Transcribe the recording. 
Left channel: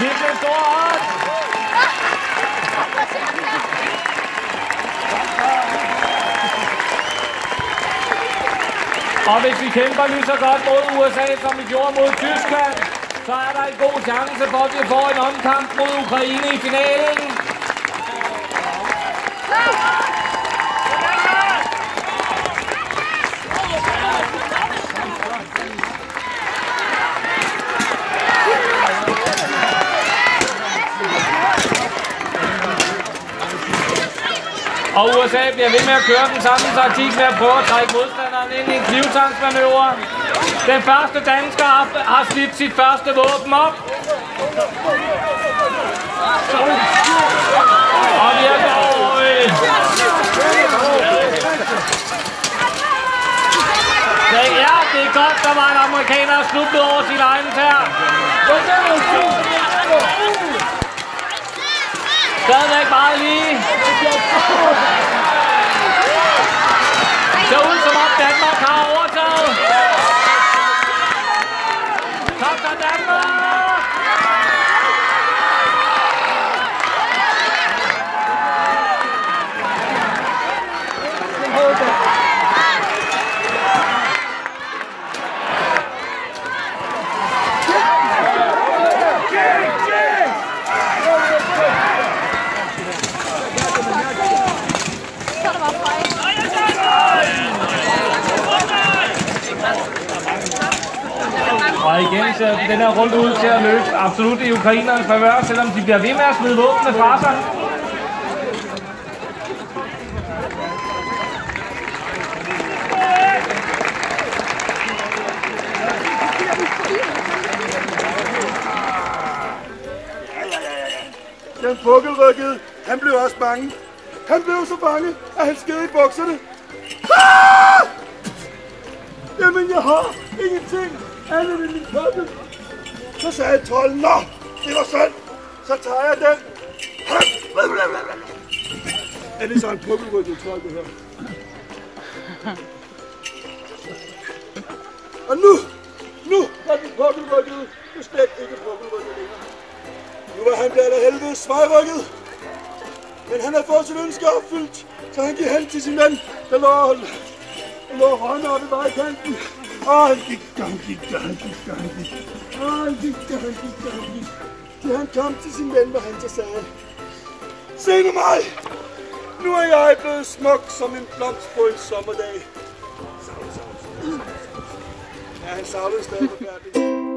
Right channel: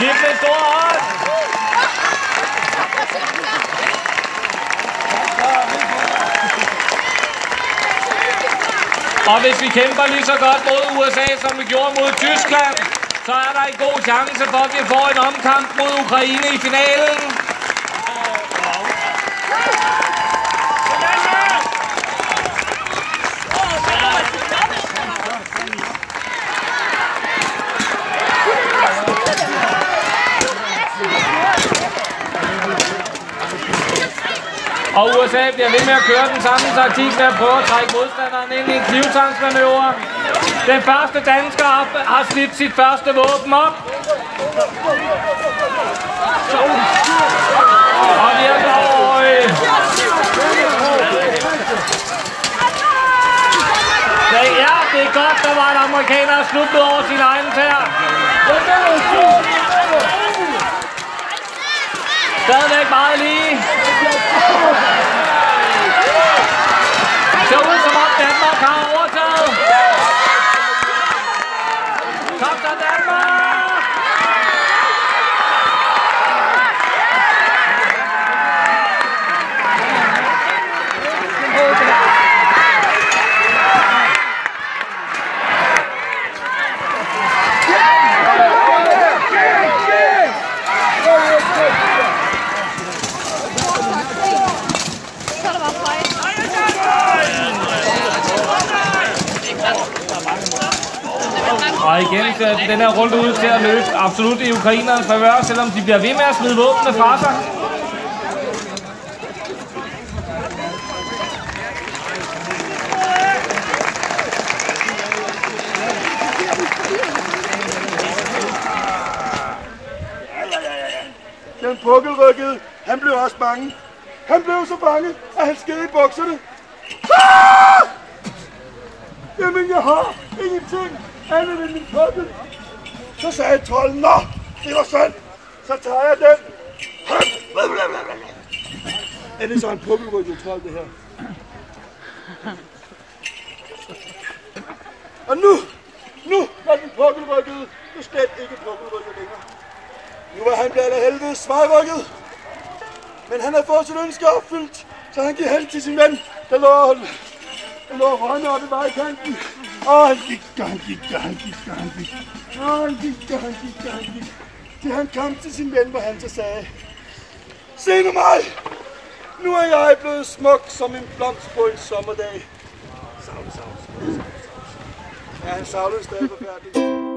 Giv dem en stor hånd. Og hvis vi kæmper lige så godt mod USA, som vi gjorde mod Tyskland, så er der en god chance for, at vi får en omkamp mod Ukraine i finalen. Og USA bliver ved med at køre den samme taktik med at prøve at trække modstanderen ind i en knivtangsmanøvre. Den første dansker har slidt sit første våben op. Og vi er gået. Ja, det er godt, der var en amerikaner sluttet over sin egen tær. Stadigvæk meget lige. Det ser ud som om Danmark har overtaget. Kom så Danmark! Og igen ser den her runde ud til at løbe absolut i ukrainernes favør, selvom de bliver ved med at smide våbnene fra sig. Den pukkelrykkede, han blev også bange. Han blev så bange, at han sked i bukserne. Ah! Jamen, jeg har ingenting andet end min pukkel. Så sagde trolden, nå, det var sandt. Så tager jeg den. Er det så en pukkelrykket trold, det her? Og nu var den pukkelrykkede jo slet ikke pukkelrykket længere. Nu var han blevet af helvede svejrykket. Men han har fået sit ønske opfyldt, så han gik hen til sin ven, der lå hånden oppe i vejkanten. Og han gik. Til han kom til sin ven, hvor han så sagde, se nu mig, nu er jeg blevet smuk som en blomst på en sommerdag. Savle. Ja, han savlede stadig forfærdeligt.